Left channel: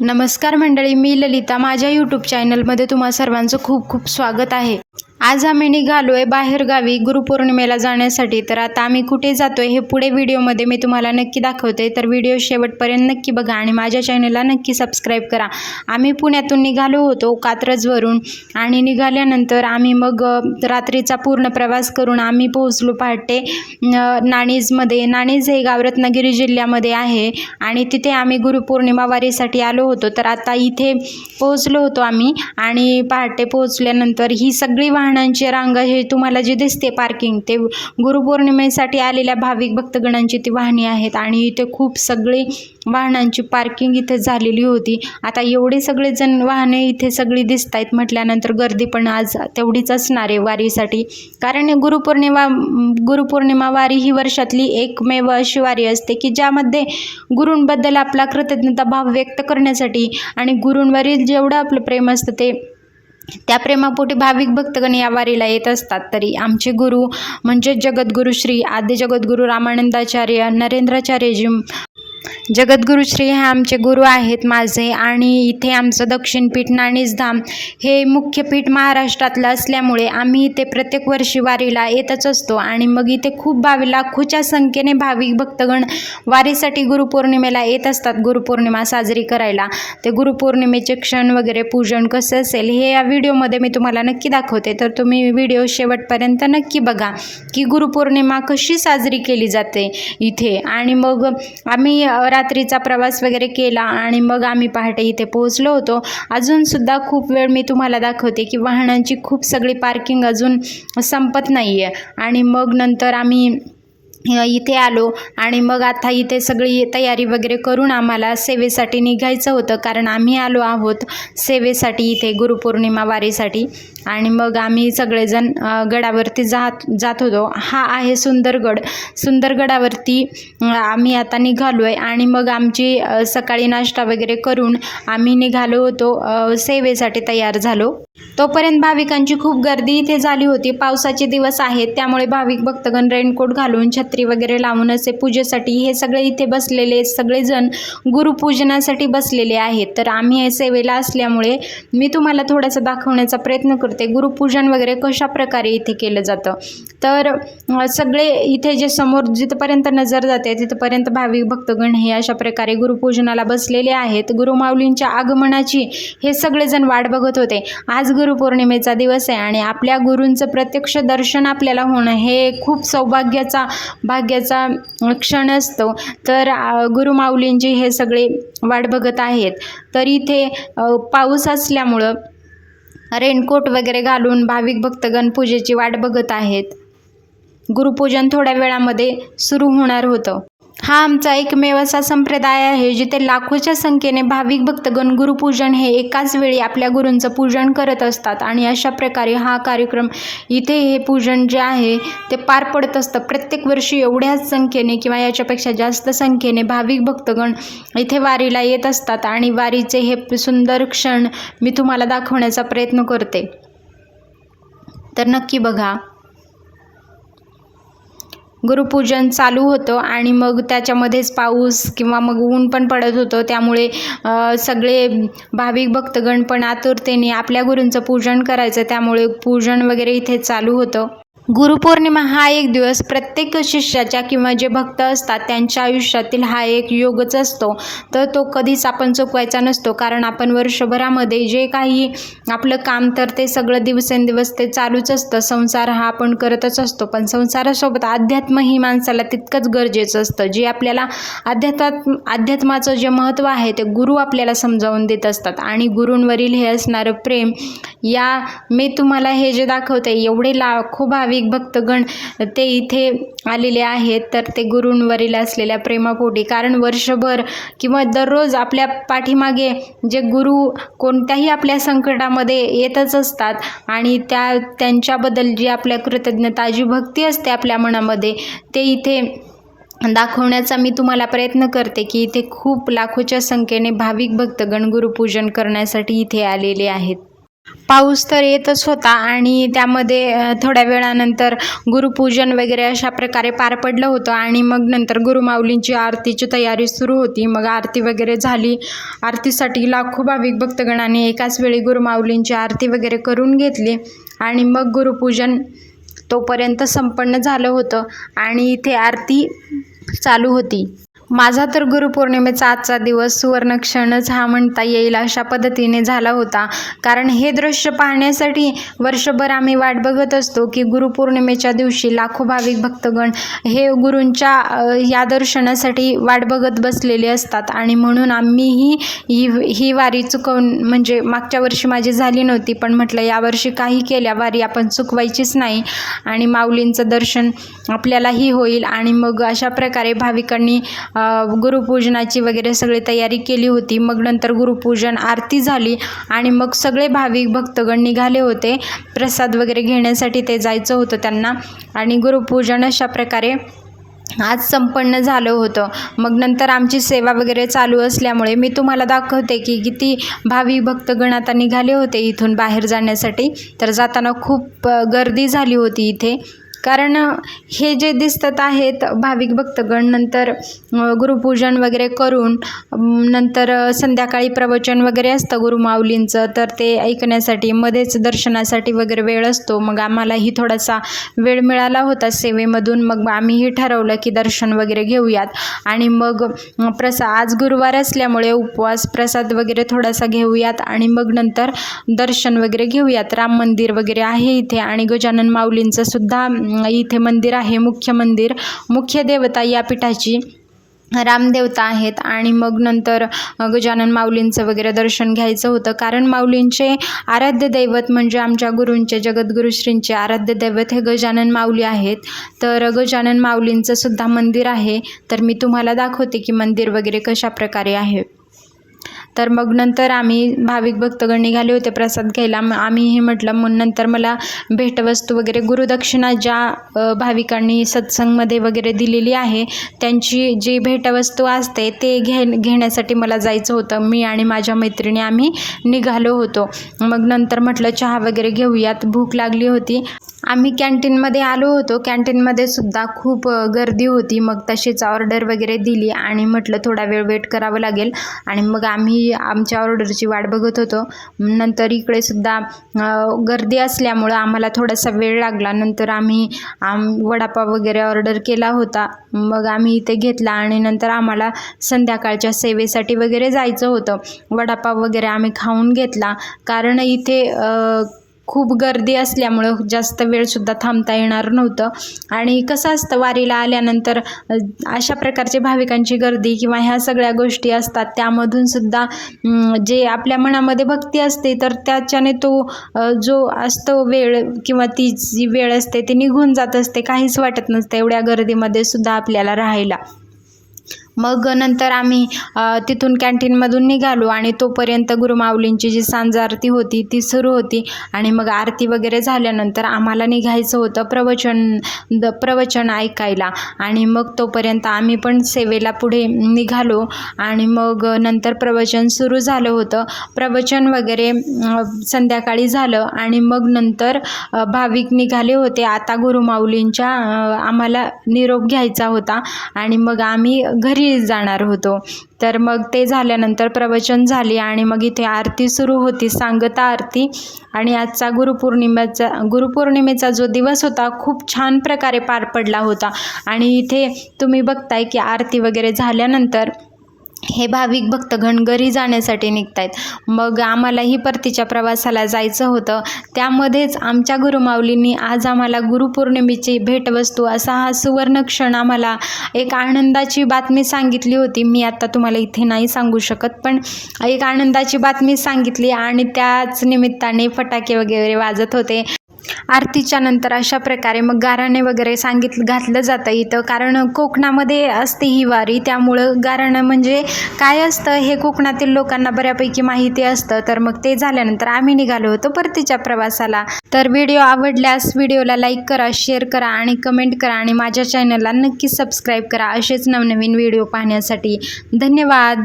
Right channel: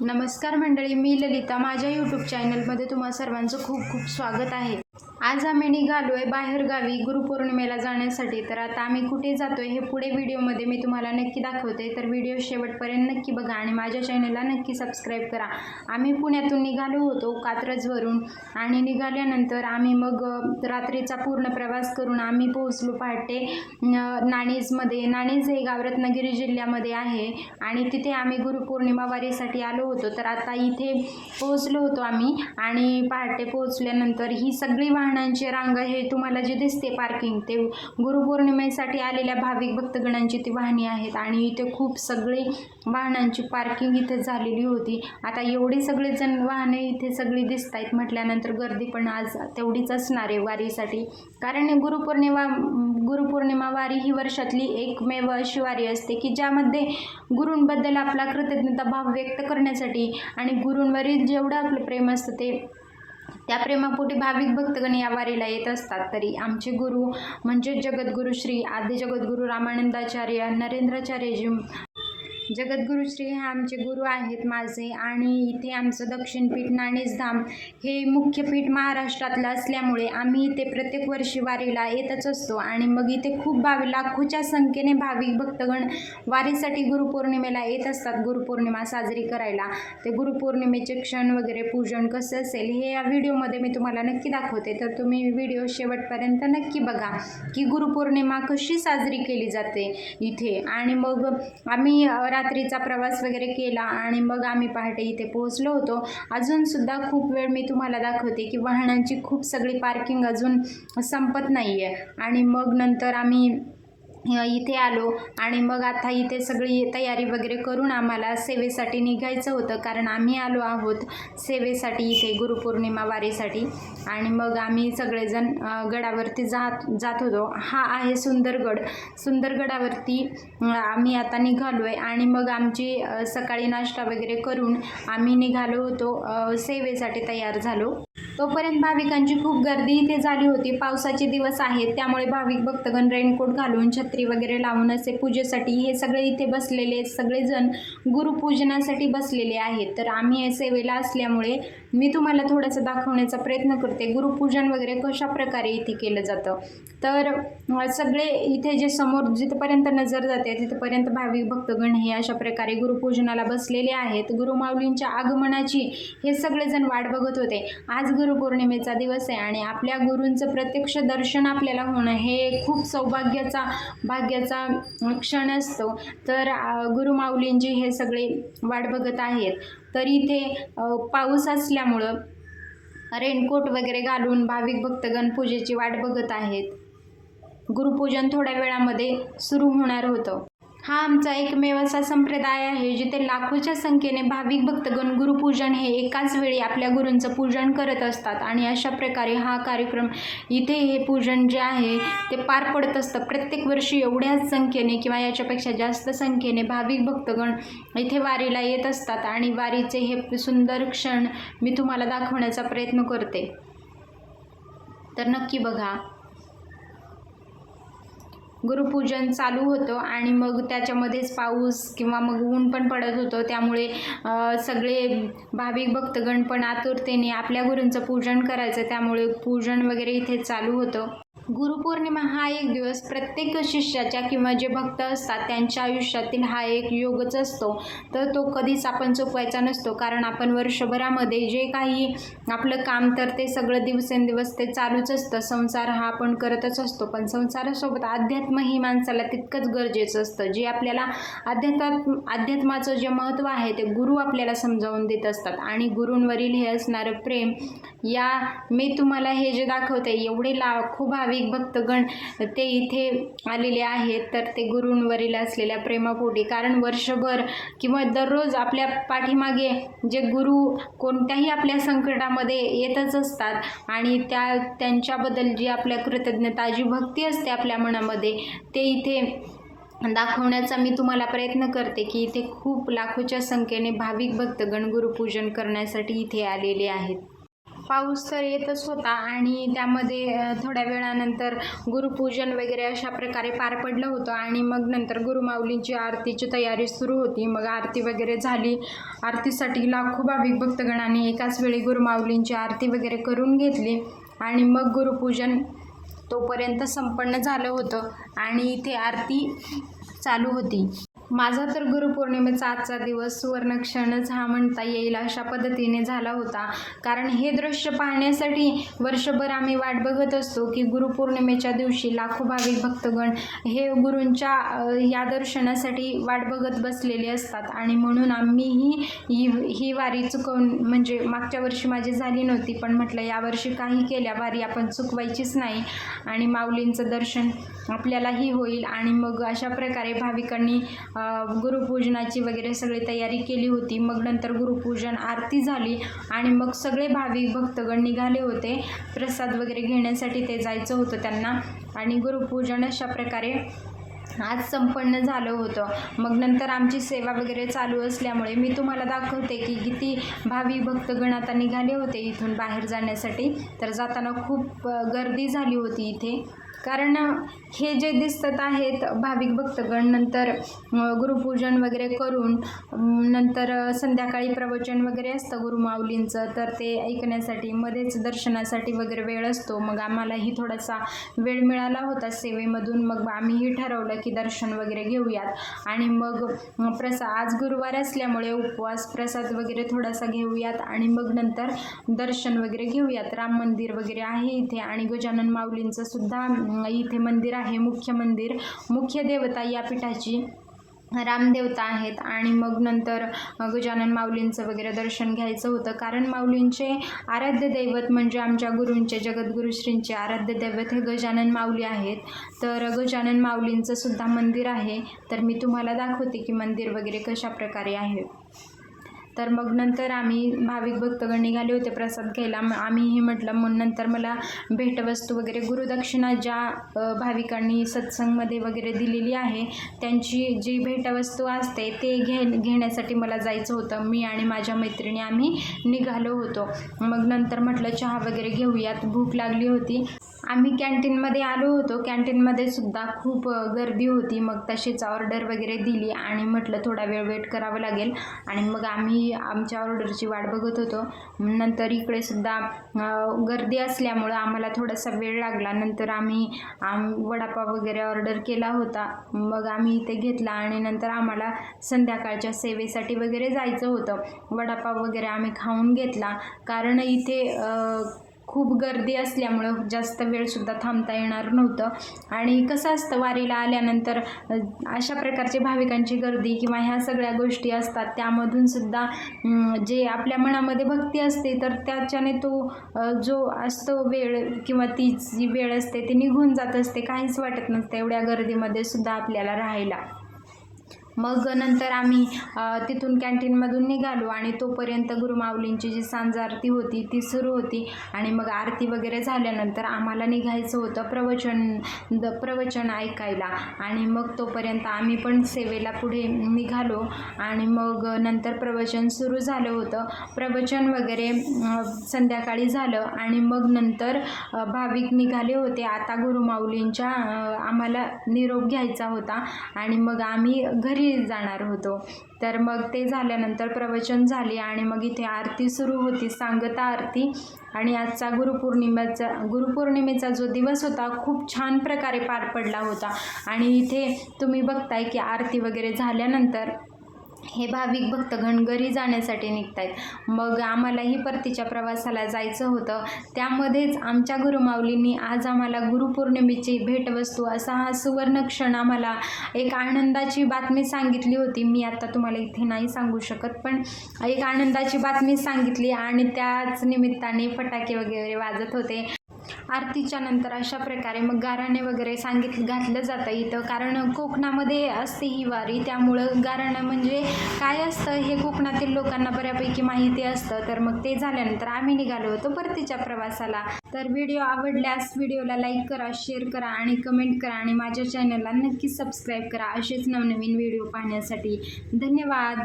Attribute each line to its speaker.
Speaker 1: नमस्कार मंडळी मी ललिता. माझ्या यूट्यूब चॅनलमध्ये तुम्हा सर्वांचं खूप खूप स्वागत आहे. आज आम्ही निघालो आहे बाहेरगावी गुरुपौर्णिमेला जाण्यासाठी. तर आता आम्ही कुठे जातो आहे हे पुढे व्हिडिओमध्ये मी तुम्हाला नक्की दाखवते. तर व्हिडिओ शेवटपर्यंत नक्की बघा आणि माझ्या चॅनलला नक्की सबस्क्राईब करा. आम्ही पुण्यातून निघालो होतो कात्रजवरून आणि निघाल्यानंतर आम्ही मग रात्रीचा पूर्ण प्रवास करून आम्ही पोहोचलो पहाटे नाणीजमध्ये. नाणीज हे गाव रत्नागिरी जिल्ह्यामध्ये आहे आणि तिथे आम्ही गुरुपौर्णिमा वारीसाठी आलो होतो. तर आता इथे पोहोचलो होतो आम्ही आणि पहाटे पोहोचल्यानंतर ही सगळी वाहन वाहनांची रांग हे तुम्हाला जे दिसते पार्किंग ते गुरुपौर्णिमेसाठी आलेल्या भाविक भक्तगणांची ती वाहने आहेत आणि इथे खूप सगळी वाहनांची पार्किंग इथे झालेली होती. आता एवढे सगळे जण वाहने इथे सगळी दिसत आहेत म्हटल्यानंतर गर्दी पण आज तेवढीच असणार आहे वारीसाठी. कारण गुरुपौर्णिमा गुरुपौर्णिमा वारी ही वर्षातली एकमेव अशी वारी असते की ज्यामध्ये गुरूंबद्दल आपला कृतज्ञता भाव व्यक्त करण्यासाठी आणि गुरूंवरील जेवढं आपलं प्रेम असतं ते त्या प्रेमापोटी भाविक भक्तगण या वारीला येत असतात. तरी आमचे गुरु म्हणजे जगद्गुरु श्री आद्य जगद्गुरु रामानंदाचार्य नरेंद्राचार्यजी जगद्गुरु श्री हे आमचे गुरु आहेत माझे आणि इथे आमचं दक्षिणपीठ नाणीसधाम हे मुख्य पीठ महाराष्ट्रातलं असल्यामुळे आम्ही इथे प्रत्येक वर्षी वारीला येतच असतो आणि मग इथे खूप भावी लाखोच्या संख्येने भाविक भक्तगण वारीसाठी गुरुपौर्णिमेला येत असतात गुरुपौर्णिमा साजरी करायला. ते गुरुपौर्णिमेचे क्षण वगैरे पूजन कसं असेल हे या व्हिडिओमध्ये मी तुम्हाला नक्की दाखवते. तर तुम्ही व्हिडिओ शेवटपर्यंत नक्की बघा की गुरुपौर्णिमा कशी साजरी केली जाते इथे. आणि मग आम्ही रात्रीचा प्रवास वगैरे केला आणि मग आम्ही पहाटे इथे पोहोचलो होतो. अजूनसुद्धा खूप वेळ मी तुम्हाला दाखवते की वाहनांची खूप सगळी पार्किंग अजून संपत नाही आहे आणि मग नंतर आम्ही इथे आलो आणि मग आता इथे सगळी तयारी वगैरे करून आम्हाला सेवेसाठी निघायचं होतं. कारण आम्ही आलो आहोत सेवेसाठी इथे गुरुपौर्णिमा वारीसाठी. आणि मग आम्ही सगळेजण गडावरती जात जात होतो. हा आहे सुंदरगड. सुंदरगडावरती आम्ही आता निघालो आहे आणि मग आमची सकाळी नाश्ता वगैरे करून आम्ही निघालो होतो सेवेसाठी तयार झालो. तोपर्यंत भाविकांची खूप गर्दी इथे झाली होती. पावसाचे दिवस आहेत त्यामुळे भाविक भक्तगण रेनकोट घालून छत्री वगैरे लावून असे पूजेसाठी हे सगळे इथे बसलेले सगळेजण गुरुपूजनासाठी बसलेले आहेत. तर आम्ही हे सेवेला असल्यामुळे मी तुम्हाला थोडंसं दाखवण्याचा प्रयत्न करते गुरुपूजन वगैरे कशा प्रकारे इथे केलं जातं. तर सगळे इथे जे समोर जिथपर्यंत नजर जाते तिथपर्यंत भाविक भक्तगण हे अशा प्रकारे गुरुपूजनाला बसलेले आहेत. गुरुमाऊलींच्या आगमनाची हे सगळेजण वाट बघत होते. आज गुरु गुरुपौर्णिमेचा दिवस आहे आणि आपल्या गुरूंचं प्रत्यक्ष दर्शन आपल्याला होणं हे खूप सौभाग्याचा भाग्याचा क्षण असतो. तर गुरुमाऊलींची हे सगळे वाट बघत आहेत. तर इथे पाऊस असल्यामुळं रेनकोट वगैरे घालून भाविक भक्तगण पूजेची वाट बघत आहेत. गुरुपूजन थोड्या वेळामध्ये सुरू होणार होतं. हा आमचा एकमेव असा संप्रदाय आहे जिथे लाखोच्या संख्येने भाविक भक्तगण गुरुपूजन हे एकाच वेळी आपल्या गुरूंचं पूजन करत असतात. आणि अशा प्रकारे हा कार्यक्रम इथे हे पूजन जे आहे ते पार पडत असतं. प्रत्येक वर्षी एवढ्याच संख्येने किंवा याच्यापेक्षा जास्त संख्येने भाविक भक्तगण इथे वारीला येत असतात. आणि वारीचे हे सुंदर क्षण मी तुम्हाला दाखवण्याचा प्रयत्न करते. तर नक्की बघा. गुरुपूजन चालू होतं आणि मग त्याच्यामध्येच पाऊस किंवा मग ऊन पण पडत होतं. त्यामुळे सगळे भाविक भक्तगण पण आतुरतेने आपल्या गुरूंचं पूजन करायचं. त्यामुळे पूजन वगैरे इथे चालू होतं. गुरुपौर्णिमा हा एक दिवस प्रत्येक शिष्याच्या किंवा जे भक्त असतात त्यांच्या आयुष्यातील हा एक योगच असतो. तर तो कधीच आपण चुकवायचा नसतो. कारण आपण वर्षभरामध्ये जे काही आपलं काम तर ते सगळं दिवसेंदिवस ते चालूच असतं. संसार हा आपण करतच असतो. पण संसारासोबत अध्यात्म ही माणसाला तितकंच गरजेचं असतं. जे आपल्याला अध्यात्मात अध्यात्माचं जे महत्त्व आहे ते गुरु आपल्याला समजावून देत असतात. आणि गुरूंवरील हे असणारं प्रेम या मी तुम्हाला हे जे दाखवते एवढे लाखो भाविक भक्तगण ते इथे आलेले आहेत. तर ते गुरूंवरील असलेल्या प्रेमापोटी. कारण वर्षभर किंवा दररोज आपल्या पाठीमागे जे गुरु कोणत्याही आपल्या संकटामध्ये येतच असतात आणि त्या त्यांच्याबद्दल जी आपल्या कृतज्ञता जी भक्ती असते आपल्या मनामध्ये ते इथे दाखवण्याचा मी तुम्हाला प्रयत्न करते की इथे खूप लाखोच्या संख्येने भाविक भक्तगण गुरुपूजन करण्यासाठी इथे आलेले आहेत. पाऊस तर येतच होता आणि त्यामध्ये थोड्या वेळानंतर गुरुपूजन वगैरे अशा प्रकारे पार पडलं होतं आणि मग नंतर गुरुमाऊलींची आरतीची तयारी सुरू होती. मग आरती वगैरे झाली. आरतीसाठी लाखो भाविक भक्तगणाने एकाच वेळी गुरुमाऊलींची आरती वगैरे करून घेतली आणि मग गुरुपूजन तोपर्यंत संपन्न झालं होतं आणि इथे आरती चालू होती. माझा तर गुरुपौर्णिमेचा आजचा दिवस सुवर्णक्षणच हा म्हणता येईल अशा पद्धतीने झाला होता. कारण हे दृश्य पाहण्यासाठी वर्षभर आम्ही वाट बघत असतो की गुरुपौर्णिमेच्या दिवशी लाखो भाविक भक्तगण हे गुरूंच्या या दर्शनासाठी वाट बघत बसलेले असतात. आणि म्हणून आम्हीही ही ही वारी चुकवून म्हणजे मागच्या वर्षी माझी झाली नव्हती पण म्हटलं यावर्षी काही केल्या वारी आपण चुकवायचीच नाही. आणि माऊलींचं दर्शन आपल्यालाही होईल. आणि मग अशा प्रकारे भाविकांनी गुरुपूजनाची वगैरे सगळी तयारी केली होती. मग नंतर गुरुपूजन आरती झाली आणि मग सगळे भाविक भक्तगण निघाले होते. प्रसाद वगैरे घेण्यासाठी ते जायचं होतं त्यांना. आणि गुरुपूजन अशा प्रकारे आज संपन्न झालं होतं. मग नंतर आमची सेवा वगैरे चालू असल्यामुळे मी तुम्हाला दाखवते की किती भावी भक्तगण आता निघाले होते इथून बाहेर जाण्यासाठी. तर जाताना खूप गर्दी झाली होती इथे. कारण हे जे दिसतात आहेत भाविक भक्तगण नंतर गुरुपूजन वगैरे करून नंतर संध्याकाळी प्रवचन वगैरे असतं गुरुमाऊलींचं तर ते ऐकण्यासाठी मध्येच दर्शनासाठी वगैरे वेळ असतो. मग आम्हालाही थोडासा वेळ मिळाला होता सेवेमधून. मग आम्हीही ठरवलं की दर्शन वगैरे घेऊयात. आणि मग प्रसा आज गुरुवार असल्यामुळे उपवास प्रसाद वगैरे थोडासा घेऊयात. आणि मग नंतर दर्शन वगैरे घेऊयात. राम मंदिर वगैरे आहे इथे. आणि गजानन माऊलींचं सुद्धा इथे मंदिर आहे मुख्य मंदिर. मुख्य देवता या पीठाची रामदेवता आहेत आणि मग नंतर गजानन माऊलींचं वगैरे दर्शन घ्यायचं होतं. कारण माऊलींचे आराध्य दैवत म्हणजे आमच्या गुरूंचे जगद्गुरु श्रींचे आराध्य दैवत हे गजानन माऊली आहेत. तर गजानन माऊलींचं सुद्धा मंदिर आहे. तर मी तुम्हाला दाखवते की मंदिर वगैरे कशा प्रकारे आहे. तर मग नंतर आम्ही भाविक भक्तगण निघाले होते प्रसाद घ्यायला. मग आम्ही हे म्हटलं मग नंतर मला भेटवस्तू वगैरे गुरुदक्षिणा ज्या भाविकांनी सत्संगमध्ये वगैरे दिलेली आहे त्यांची जी भेटवस्तू असते ते घे घेण्यासाठी मला जायचं होतं. मी आणि माझ्या मैत्रिणी आम्ही निघालो होतो. मग नंतर म्हटलं चहा वगैरे घेऊयात भूक लागली होती. आम्ही कॅन्टीनमध्ये आलो होतो. कॅन्टीनमध्ये सुद्धा खूप गर्दी होती. मग तशीच ऑर्डर वगैरे दिली आणि म्हटलं थोडा वेळ वेट करावं लागेल. आणि मग आम्ही आमच्या ऑर्डरची वाट बघत होतो. नंतर इकडे सुद्धा गर्दी असल्यामुळं आम्हाला थोडासा वेळ लागला. नंतर आम्ही आम वडापाव वगैरे ऑर्डर केला होता. मग आम्ही इथे घेतला आणि नंतर आम्हाला संध्याकाळच्या सेवेसाठी वगैरे जायचं होतं. वडापाव वगैरे आम्ही खाऊन घेतला. कारण इथे खूप गर्दी असल्यामुळं जास्त वेळसुद्धा थांबता येणार नव्हतं. आणि कसं असतं वारीला आल्यानंतर अशा प्रकारचे भाविकांची गर्दी किंवा ह्या सगळ्या गोष्टी असतात त्यामधून सुद्धा जे आपल्या मनामध्ये भक्ती असते तर त्याच्याने तो जो असतो वेळ किंवा ती जी वेळ असते ती निघून जात असते. काहीच वाटत नसते एवढ्या गर्दीमध्ये सुद्धा आपल्याला राहायला. मग नंतर आम्ही तिथून कॅन्टीनमधून निघालो आणि तोपर्यंत गुरुमाऊलींची जी सांज आरती होती ती सुरू होती. आणि मग आरती वगैरे झाल्यानंतर आम्हाला निघायचं होतं प्रवचन द प्रवचन ऐकायला. आणि मग तोपर्यंत आम्ही पण सेवेला पुढे निघालो. आणि मग नंतर प्रवचन सुरू झालं होतं. प्रवचन वगैरे संध्याकाळी झालं. आणि मग नंतर भाविक निघाले होते. आता गुरुमाऊलींच्या आम्हाला निरोप घ्यायचा होता. आणि मग आम्ही घरी जाणार होतो. तर मग ते झाल्यानंतर प्रवचन झाली आणि मग इथे आरती सुरू होती सांगता आरती. आणि आजचा गुरुपौर्णिमेचा गुरुपौर्णिमेचा जो दिवस होता खूप छान प्रकारे पार पडला होता. आणि इथे तुम्ही बघताय की आरती वगैरे झाल्यानंतर हे भाविक भक्तगण घरी जाण्यासाठी निघतायत. मग आम्हालाही परतीच्या प्रवासाला जायचं होतं. त्यामध्येच आमच्या गुरुमाऊलींनी आज आम्हाला गुरुपौर्णिमेची भेटवस्तू असा हा सुवर्ण क्षण आम्हाला एक आनंदाची बातमी सांगितली होती. मी आत्ता तुम्हाला इथे नाही सांगू शकत पण एक आनंदाची बातमी सांगितली आणि त्याच निमित्ताने फटाके वगैरे वाजत होते. आरतीच्या नंतर अशा प्रकारे मग गाराणे वगैरे सांगितलं घातलं जातं इथं. कारण कोकणामध्ये असते ही वारी. त्यामुळं गाराणं म्हणजे काय असतं हे कोकणातील लोकांना बऱ्यापैकी माहिती असतं. तर मग ते झाल्यानंतर आम्ही निघालो होतो परतीच्या प्रवासाला. तर व्हिडिओ आवडल्यास व्हिडिओला लाईक करा शेअर करा आणि कमेंट करा आणि माझ्या चॅनलला नक्की सबस्क्राईब करा असेच नवनवीन व्हिडिओ पाहण्यासाठी. धन्यवाद!